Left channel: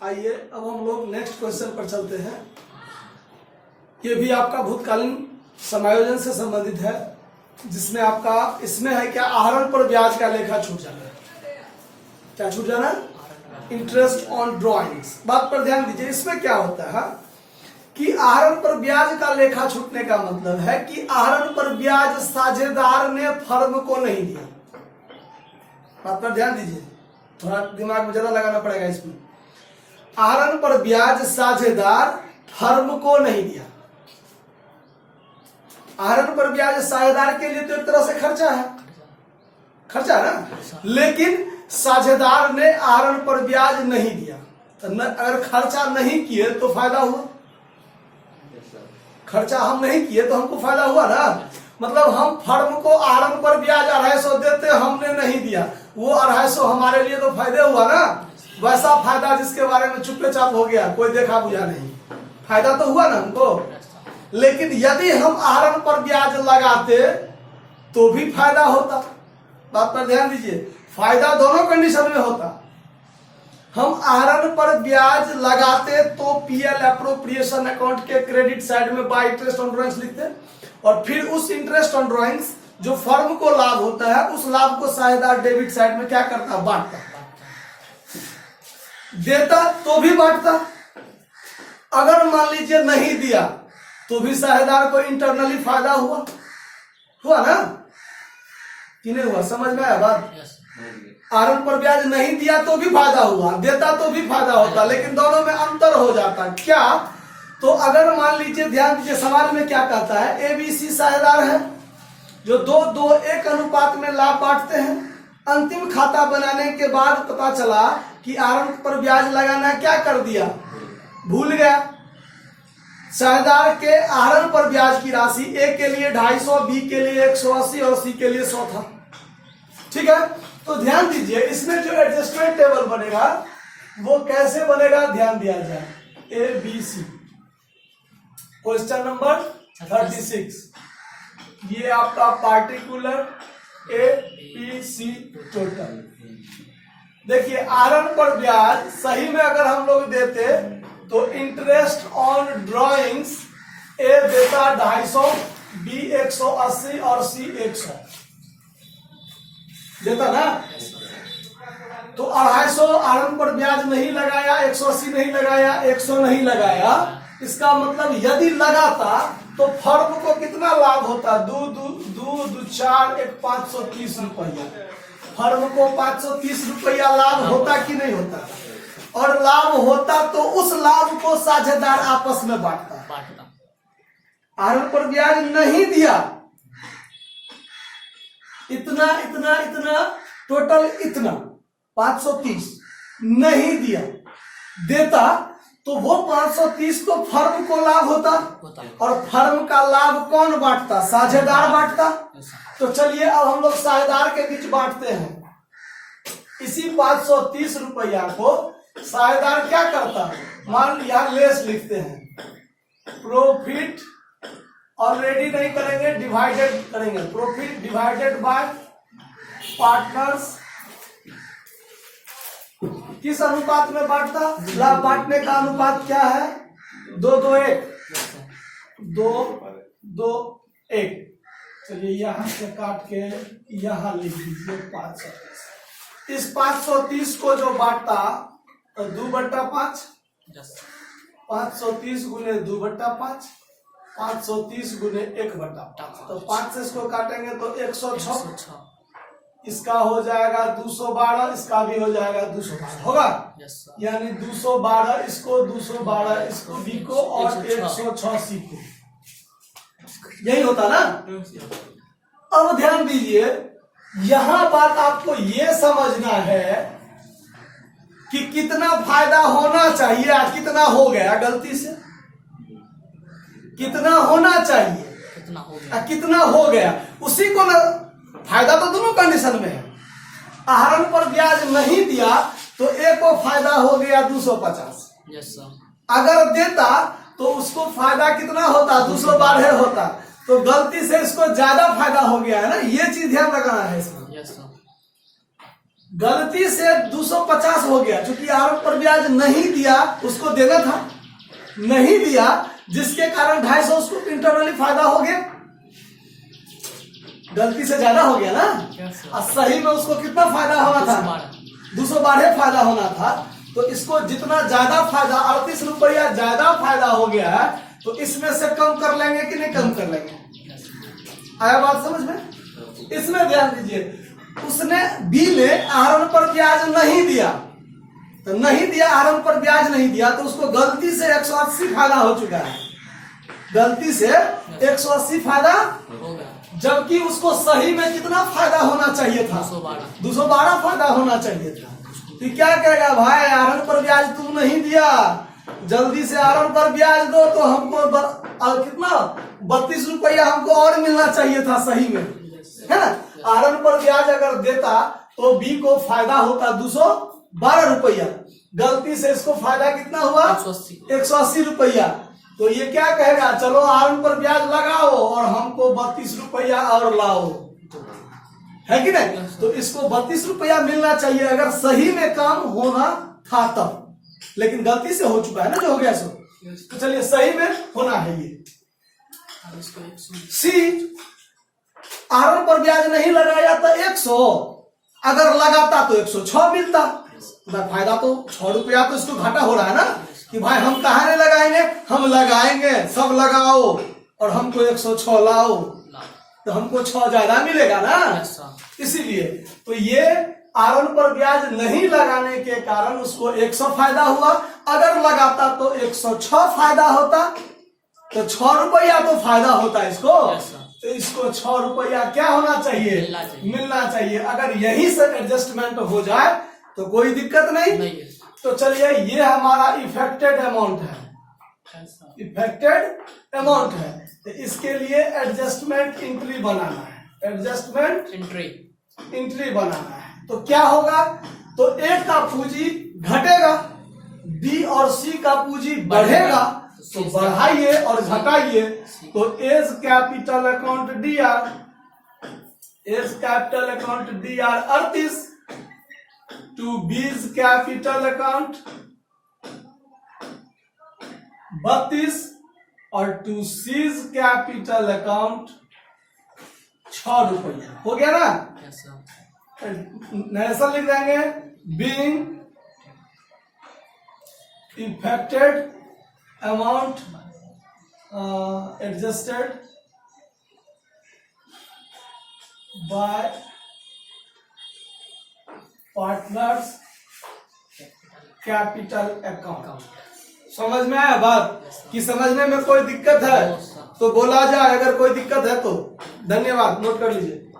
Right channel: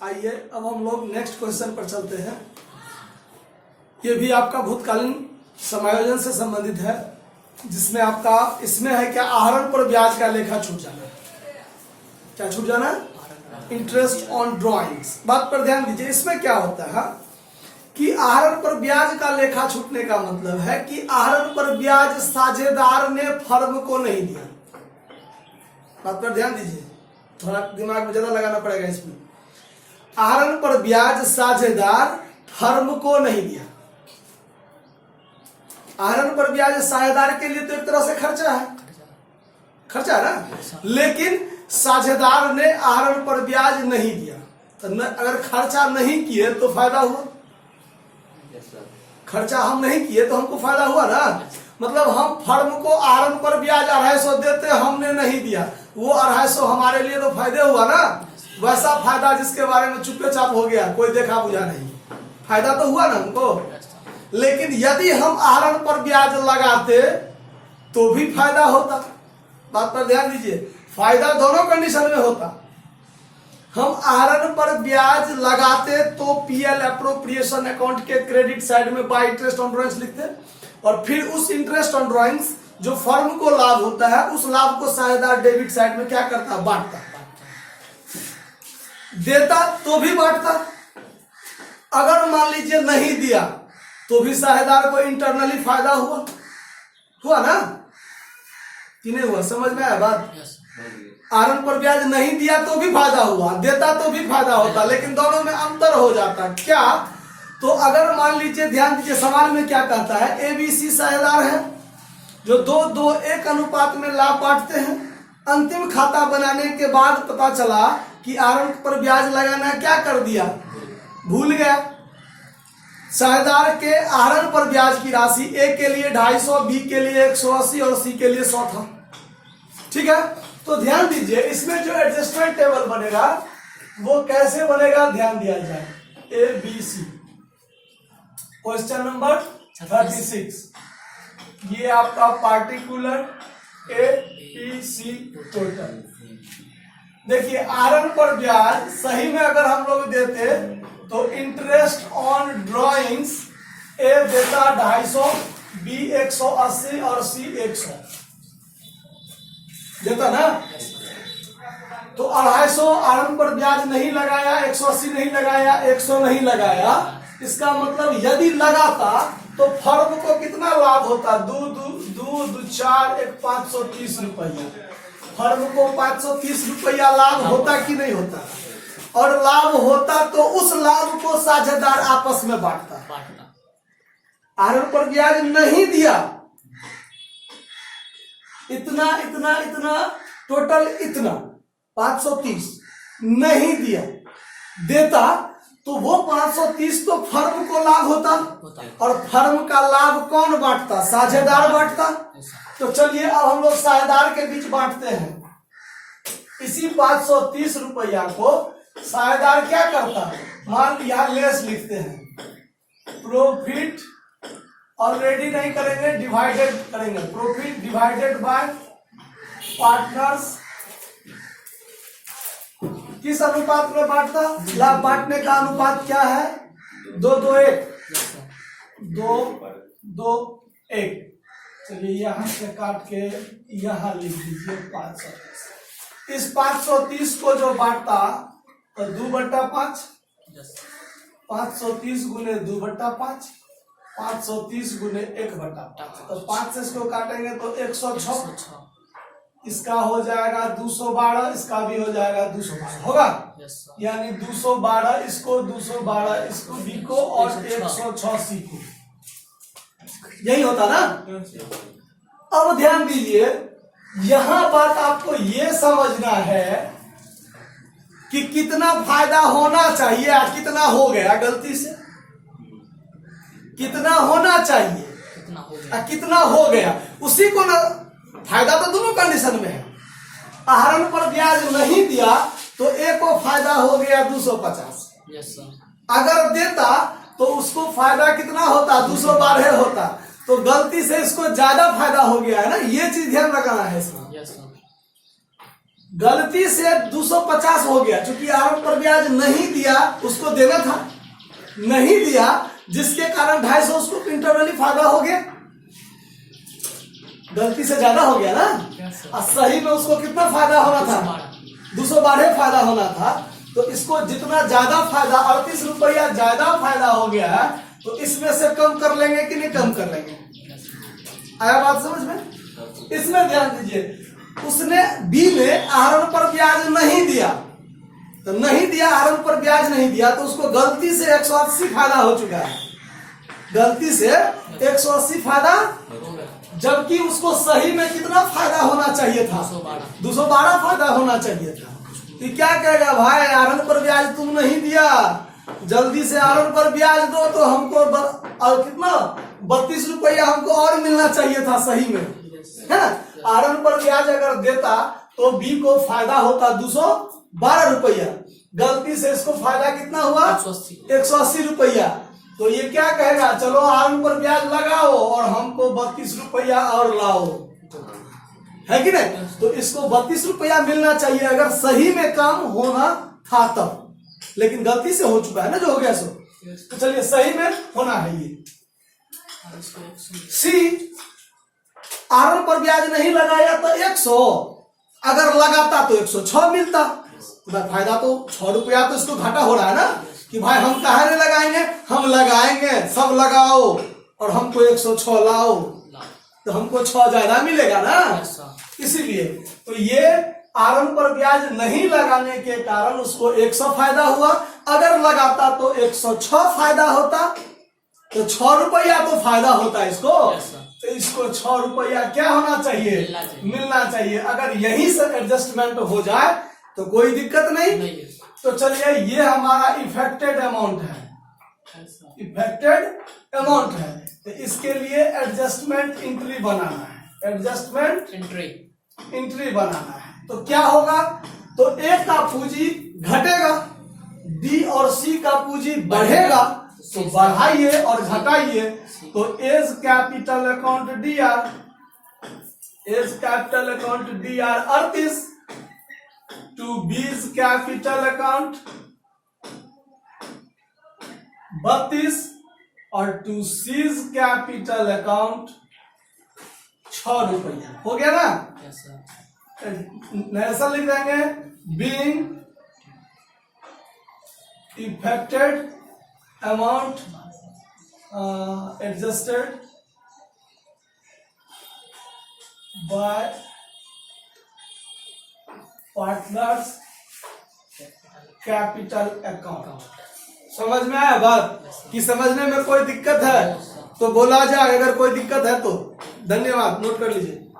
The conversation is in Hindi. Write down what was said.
आइए अब हम लोग नेक्स्ट क्वेश्चन पर चलते हैं। ये भी आपका भूतकालीन समायोजन से संबंधित है, जिसमें आपका इसमें है क्या, आहरण पर ब्याज का लेखा छूट जाना। क्या छूट जाना? Interest on drawings. बात पर ध्यान दीजिए, इसमें क्या होता है कि आहरण पर ब्याज का लेखा छूटने का मतलब है कि आहरण पर ब्याज साझेदार ने फर्म को नहीं दिया। बात पर ध्यान दीजिए, थोड़ा दिमाग में ज्यादा लगाना पड़ेगा इसमें। आहरण पर ब्याज साझेदार फर्म को नहीं दिया। आहरण पर ब्याज साझेदार के लिए तो एक तरह से खर्चा है, खर्चा है ना, लेकिन साझेदार ने आहरण पर ब्याज नहीं दिया। तो अगर खर्चा नहीं किए तो फायदा हुआ, खर्चा हम नहीं किए तो हमको फायदा हुआ ना। मतलब हम फर्म को आहरण पर ब्याज 250 देते, हमने नहीं दिया, वो 250 हमारे लिए तो फायदे हुआ ना। वैसा फायदा जिसके बारे में चुपे चाप हो गया, कोई देखा बुझा नहीं, फायदा तो हुआ ना हमको। लेकिन यदि हम आहरण पर ब्याज लगाते तो भी फायदा होता। बात पर ध्यान दीजिए, फायदा दोनों कंडीशन में होता। हम आहरण पर ब्याज लगाते तो पीएल एप्रोप्रिएशन अकाउंट के क्रेडिट साइड में बाय इंटरेस्ट ऑन ड्रॉइंग्स लिखते, और फिर उस इंटरेस्ट ऑन ड्रॉइंग्स जो फर्म को लाभ होता है उस लाभ को साझेदार डेबिट साइड में क्या करता, बांटता। देता तो भी बांटता, अगर मान लीजिए नहीं दिया तो भी साझेदार को इंटरनली फायदा हुआ, हुआ ना कि नहीं हुआ? समझ में आया बात? आहरण पर ब्याज नहीं दिया तो भी फायदा हुआ, देता तो भी फायदा होता, लेकिन दोनों में अंतर हो जाता। क्या? तो अगर मान लीजिए, ध्यान दीजिए, सवाल में क्या कहता है, एबीसी साझेदार है जो 2:1 अनुपात में लाभ बांटते हैं। अंतिम खाता बनाने के बाद पता चला कि आहरण पर ब्याज लगाना क्या कर दिया, भूल गया। साझेदार के आहरण पर ब्याज की राशि ए के लिए 250, बी के लिए 180 और सी के लिए 100 था। ठीक है, तो ध्यान दीजिए, इसमें जो एडजस्टमेंट टेबल बनेगा वो कैसे बनेगा, ध्यान दिया जाए। A B C, question number 36, ये आपका particular A B C total. देखिए, आहरण पर ब्याज सही में अगर हम लोग देते तो इंटरेस्ट ऑन ड्रॉइंग्स ए देता 250, बी 180 और सी 100 देता ना। तो 250 आहरण पर ब्याज नहीं लगाया, 180 नहीं लगाया, 100 नहीं लगाया। इसका मतलब यदि लगाता तो फर्म को कितना लाभ होता, 2 4 1 530 रुपया। फर्म को 530 रुपया लाभ होता कि नहीं होता? और लाभ होता तो उस लाभ को साझेदार आपस में बांटता। आहरण पर ब्याज नहीं दिया, इतना इतना इतना टोटल इतना 530 नहीं दिया, देता तो वो 530 तो फर्म को लाभ होता, और फर्म का लाभ कौन बांटता, साझेदार बांटता। तो चलिए अब हम लोग साझेदार के बीच बांटते हैं। इसी 530 रुपया को साझेदार क्या करता, मान लिया लेस लिखते हैं, प्रॉफिट ऑलरेडी नहीं करेंगे, डिवाइडेड करेंगे। Profit divided by partners. किस अनुपात में बांटता, लाभ बांटने का अनुपात क्या है, 2:1, 2:1। चलिए यहां से काट के यहां लिख दीजिए 530। इस 530 को जो बांटता तो 2/5, 530 गुने 2/5, 530 गुने 1/5। तो 5 से इसको काटेंगे तो 106, इसका हो जाएगा 212, इसका भी हो जाएगा 212, होगा। यानी 212 इसको, 212 इसको, बी को, और 106 सी को, यही होता ना। अब ध्यान दीजिए, यहां बात आपको ये समझना है कि कितना फायदा होना चाहिए, कितना हो गया गलती से, कितना होना चाहिए, कितना हो गया, उसी को ना। फायदा तो दोनों कंडीशन में है। आहरण पर ब्याज नहीं दिया तो एक को फायदा हो गया 250। अगर देता तो उसको फायदा कितना होता, 212 होता। तो गलती से इसको ज्यादा फायदा हो गया है ना, ये चीज ध्यान रखना है इसमें। गलती से 250 हो गया, क्योंकि आरंभ पर ब्याज नहीं दिया, उसको देना था, नहीं दिया, जिसके कारण 250 उसको इंटरनली फायदा हो गया। गलती से ज्यादा हो गया ना, और सही में उसको कितना फायदा होना था? 212 फायदा होना था। तो इसको जितना ज्यादा फायदा, 38 रुपया ज्यादा फायदा हो गया, तो इसमें से कम कर लेंगे कि नहीं कम कर लेंगे? आया बात समझ में? इसमें ध्यान दीजिए, उसने बी में आहरण पर ब्याज नहीं दिया, तो नहीं दिया, आहरण पर ब्याज नहीं दिया, तो उसको गलती से 180 फायदा हो चुका है, गलती से 180 फायदा, जबकि उसको सही में कितना फायदा होना चाहिए था? 212 फायदा होना चाहिए था। तो क्या कहेगा, भाई आहरण पर ब्याज तुम नहीं दिया, जल्दी से आहरण पर ब्याज दो, तो हमको और कितना 32 रुपया हमको और मिलना चाहिए था सही में, है ना? आहरण पर ब्याज अगर देता तो बी को फायदा होता 212 रुपया, गलती से इसको फायदा कितना हुआ? 180 रुपया। तो ये क्या कहेगा, चलो आहरण पर ब्याज लगाओ और हमको 32 रुपया और लाओ, है कि नहीं? तो इसको 32 रुपया मिलना चाहिए अगर सही में काम होना था तब, लेकिन गलती से हो चुका है ना, जो हो गया सो। तो चलिए सही में होना है ये। सी, आहरण पर ब्याज नहीं लगाया तो 100, अगर लगाता तो 106 मिलता, फायदा तो 6 रुपया, तो इसको घाटा हो रहा है ना, कि भाई हम कहाँ नहीं लगाएंगे, हम लगाएंगे, सब लगाओ और हमको 106 लाओ, तो हमको 6 ज्यादा मिलेगा ना, इसीलिए। तो ये आहरण पर ब्याज नहीं लगाने के कारण उसको 100 फायदा हुआ, अगर लगाता तो 106 फायदा होता, तो 6 रुपया तो फायदा होता इसको, तो इसको 6 रुपया क्या होना चाहिए? मिलना चाहिए। अगर यही से एडजस्टमेंट हो जाए तो कोई दिक्कत नहीं। तो चलिए, ये हमारा इफेक्टेड अमाउंट है, इफेक्टेड अमाउंट है, तो इसके लिए एडजस्टमेंट एंट्री बनाना है, एडजस्टमेंट एंट्री बनाना है। तो क्या होगा, तो ए का पूंजी घटेगा, बी और सी का पूंजी बढ़ेगा, तो बढ़ाइए और घटाइए, तो as capital account D R, as capital account D R 38, to B's capital account 32, और टू सीज कैपिटल अकाउंट 6 रुपया। हो गया ना? ऐसा लिख देंगे, being affected amount adjusted by partners capital account। समझ में आया बात? कि समझने में कोई दिक्कत है तो बोला जाए, अगर कोई दिक्कत है तो। धन्यवाद, नोट कर लीजिए।